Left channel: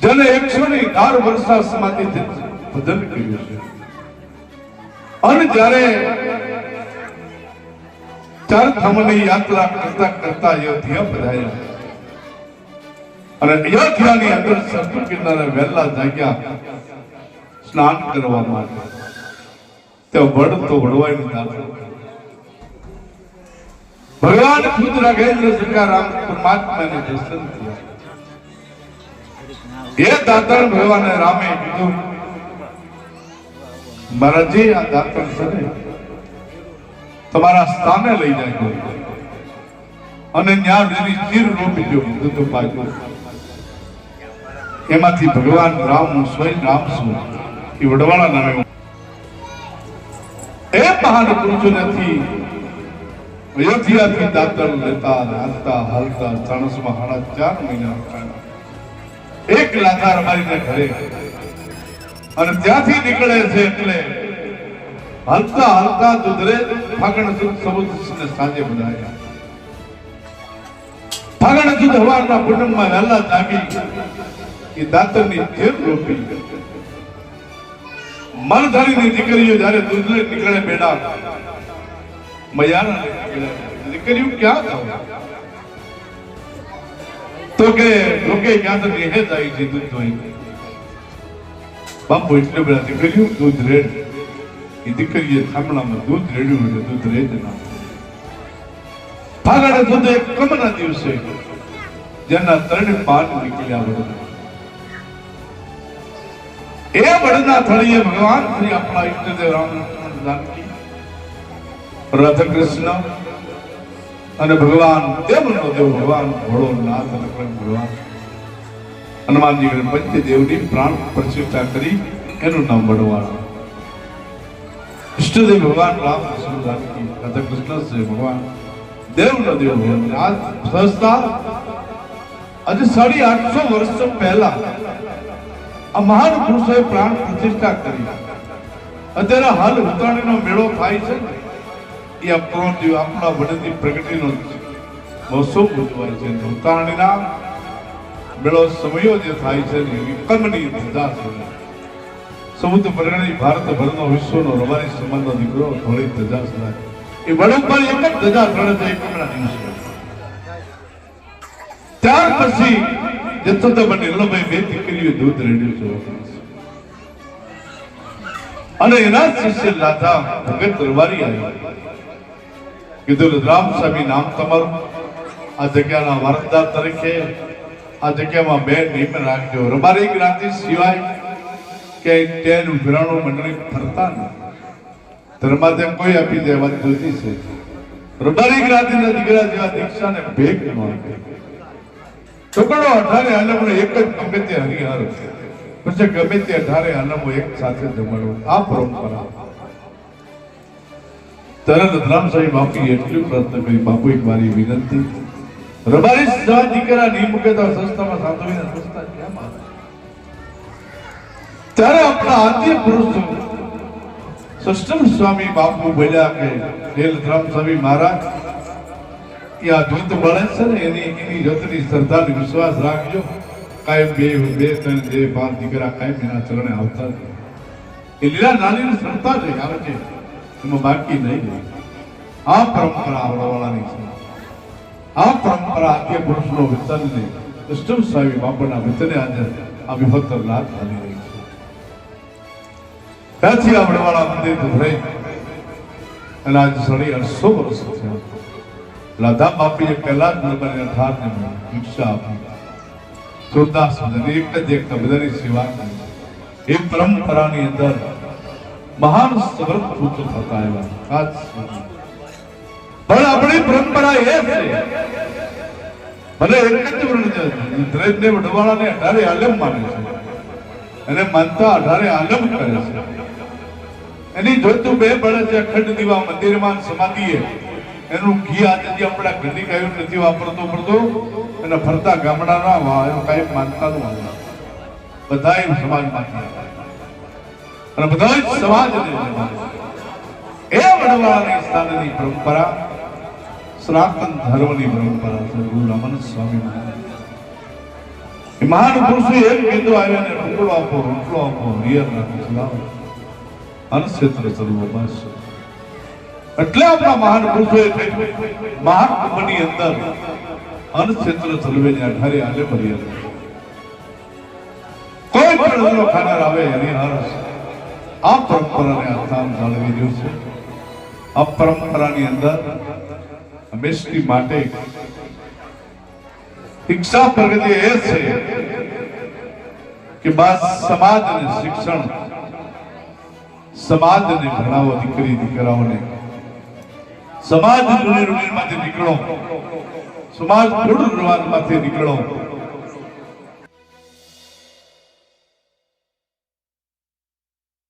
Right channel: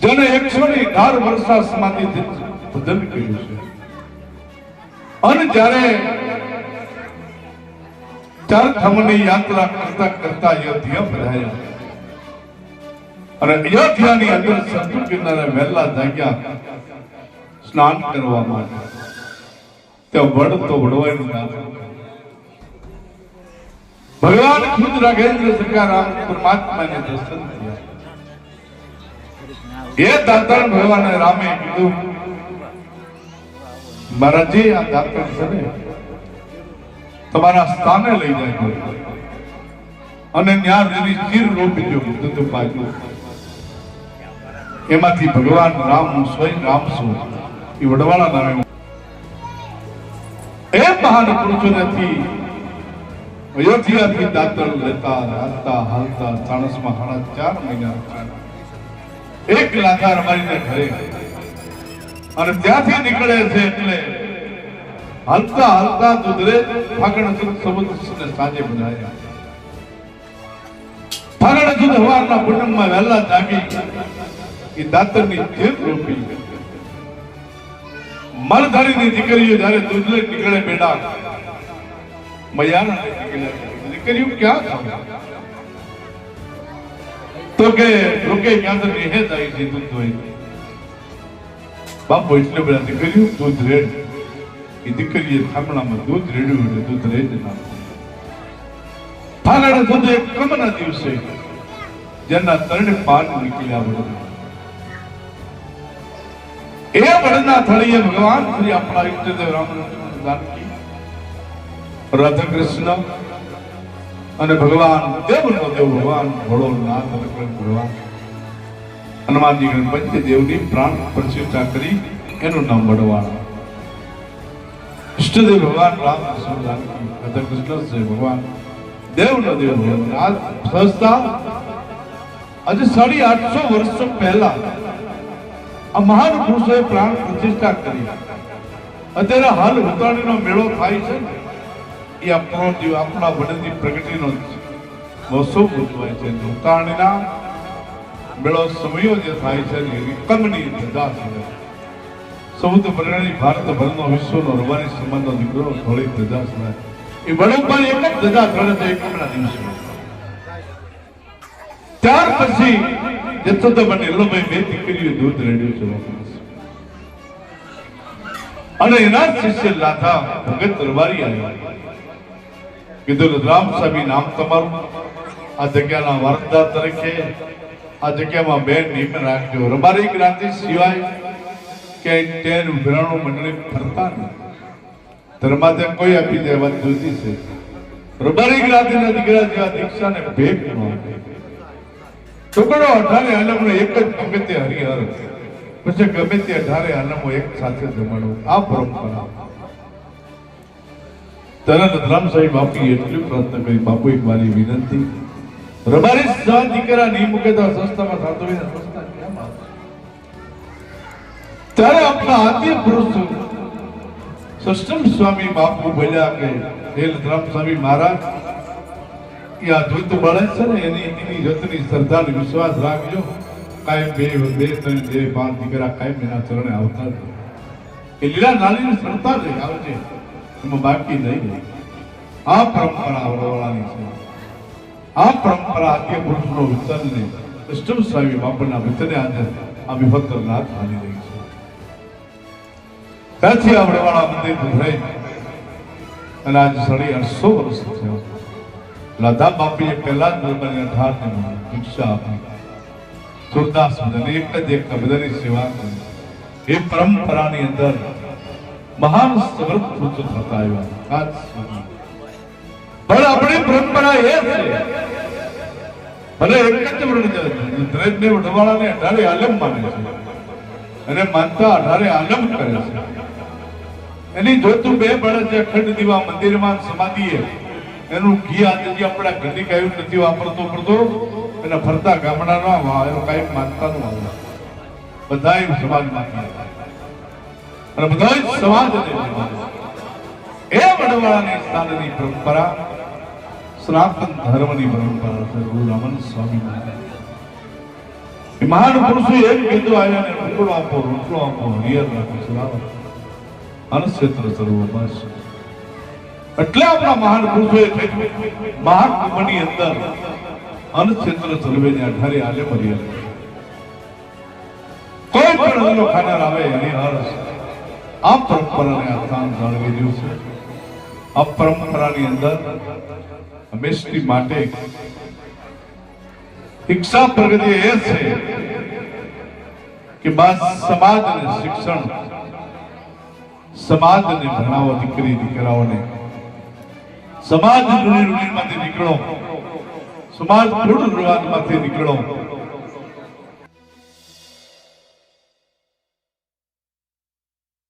જેને એકસો ની અઢાર વર્ષા સમાધિ ભજન કર્યું છે. અને જ્યારે ચાર યાત્રા કરતા કરતા અયોધ્યા પધાર્યા અને અયોધ્યાની અંદર સંસ્કૃત કિનારે વહેલા જાગ્યા, સ્નાન કરવા માટે. ત્યાં વડ તો વડવાઈ ના ભગવાન ખુદ રાઘેન્દ્ર સકારામ પરમાત્માને દર્શન થયા એ દાતાર ભગવાને રામે કીધું મહારાજજી આ દાતણ છે તમારા સ્થાને લઈ જાય અને ત્યાં એની ચીર રોપી દો, બધું પાછું એમાંથી ભગવાન રામ હું સ્વયં રામ છું. એ વડવાળા નામે એ મહાન પુરુષોથી અયોધ્યાથી દાતણ લેતા હાલતા હાલતા, ચાણસમાં હાડા ચાર મહિના. એક લાકાર મારીને ઘરે અને ત્યાંથી નીકળે છે એટલે હાલતા હાલતા દુધરે ફાગણસિંહ સુદ સમુદ્ર સાંજે બનાવ્યા ફાગણસિંહ હવારના કુટુંબમાં વહેલા જામી એ દાતરની જેમ રોપી મલધારીની દીકરીઓ જ્યારે દૂધ લઈ નીકળે બેડા મયાના નીકળે. દીકરીઓ ક્યાં જાવ તો કે લોકે યાદ તો દેહે જાય છે દૂધ ધોઈ બાપુ એટલે બધા દીકરીયું દૂધ રેડ એ દીકરીએ થાંભલામાં દૂધ રેડ્યું દૂધ રેડ ના ફાગણ દૂધ એક કમના દિવસે જેના ત્રણ પાન નીકળ્યા બધા એ વડના થળીએ ભગવાન શ્રી આપણા ઈષ્ટદેવ રામકૃષ્ણ જાનકી રાધા કૃષ્ણ અને ભગવાન દેવનો દેવ ભગવાન ભોળોનાથ ભગવાન. હનુમાનજી ગણપતિ દેવની પ્રાણ પ્રતિષ્ઠા કરી એનું નામ વડવાણ. ઇષ્ટદેવ ભગવાન રામ કૃષ્ણ રાધા કૃષ્ણ છે ભગવાન. દેવનો દેવ આ સંસ્થા આજે સાડી આઠસો વર્ષ પહેલા આ મહાન પુરુષોએ પ્રાણ પ્રતિષ્ઠા કરી. અત્યારે હાલ ઉત્તરાયણનો મેળો થાય છે. એ આપણો જીવ આપણા વડની પ્રગતિનો મહોત્સવ ઉજવાય છે અને મેળો સમયો જે થાય છે ને, એ કમની ધંધા છે. સમુદ્ર પરગણી ભારત વિશ્વનો રવાની સમાજનો દીકરો, ધોળી ધજા છે એ વડોદરા એક જ ધજા ધોળે છે એકમના દિવસે. ત્યાર પછી એમનો ભાઈ બે દીકરીઓ દૂધ રેડ્યું છે અને એના શિષ્ય રાધા ભગત દરબારી આવ્યા. કીધું રામ સ્વામી નામ તમારું આ જગ્યાના વારસદાર તરીકે આ જગ્યામાં બે નિયમ રાખજો રબારી ક્રાંતિ સિવાય કે તેનું વિરાણું મંડળી ફરતા નહીં ધર્માધ્યમ કોઈ આપી દેવા જોતી છે રબારી ક્રાંતિના દીકરા જેવા દીક્ષાને ભેગ ન આપે ટુકડો અઢારે આલમનો એક જ ગમે તે હરિહર પછી ગમે તે અઢારે આલમો એક સાથે જમાડો આ પરંપરા ત્યારે રતરામ સાહેબ બાપુએ એટલી પ્રયત્ન કરી બાપુ મારી વિનંતી. રબારી સા દીકરા નહીં મૂકે સંસ્થામાં સાધુવીને સંસ્થા કેમ? ત્યારે આપણા આદ્ય પુરુષો, સષ્ટમ સ્વામી બાપુ બોલ્યા કે, હે રતરામ સ્વામી મહારાજ, એ ધૂત બળે છે ને, એની એની જતની શ્રદ્ધા અને વિશ્વાસ રાખજો. કાયમ બે બે, ત્રણ, બે, પાંચ દીકરા કાયમ એના ચરણે આવતા એ લીલા નાની શ્રદ્ધા છે, આવે છે. એમાં બાકી નહીં ગઈ આ પરંપરા આવડવાળાની છે. આ પરંપરા આદ્ય પુરુષનો વિતનને કૃષ્ણ સ્વામી બાપુના વિતને આજે આ વિભક્તર લાભ ચાલી રહી છે. ત્યાંથી આવડવાળા મંદિર ઉભરાઈ અને આજે સાડી આઠસો વર્ષ થયા. લતા બાપીએ પહેલા જ લોકોને અઢાર ને ભિક્ષા આપી. સુરદાસ બધાને એક જ એક બધાની સેવા કરી. એ પરંપરાની અંદર મહાન સગ્રત પુત્ર થતા આવ્યા. પણ આપણી પરંપરા એ છે. ભલે છે દ્રેજને અઢારે આલમ માને છે. અને માનતા અઢારે આલમ કરે છે. એની જોતું બે બળે છે અખંડ દીવા મંદિરમાં સમાધિએ. એનું ઘી આજે આપણા ઘરની કાંઈ નથી વાપરતો પડતો અને ફરતા ગામડાના કાંઈ માનતા નું આવે બધા સમાજમાંથી. અને બધા જ સમાજને એ વડવાળાની સ્થાનની પરંપરા, સનાતન ધર્મની પરંપરા છે, ગુરુ રામન સ્વામી મહાન પુરુષો એમ કીધું આવ્યા ને ટુકડો આપો રોટલો આપો હિયર રાખો ચલાવો અનક્ષેત્ર ચલવો, બસ. એટલે આપણા મહાન પુરુષોએ મહાકુંભની અંદર અનક્ષેત્ર ચલવે આધારે આલે મરીએ કોઈ પણ ખાનાર આવે, એની હર્ષ આ પરંપરાને સ્થાન જાળવી છે. આ પરંપરાની અંદર હંમેશની માટે શિક્ષા પ્રગતિ એ છે કે બસ સમાજ અને શિક્ષણ સમાજને ભણાવો દીકરી દીકરાઓને. સમાજ રૂઢીમાંથી નીકળો. સમાજ રિવાજમાંથી નીકળો.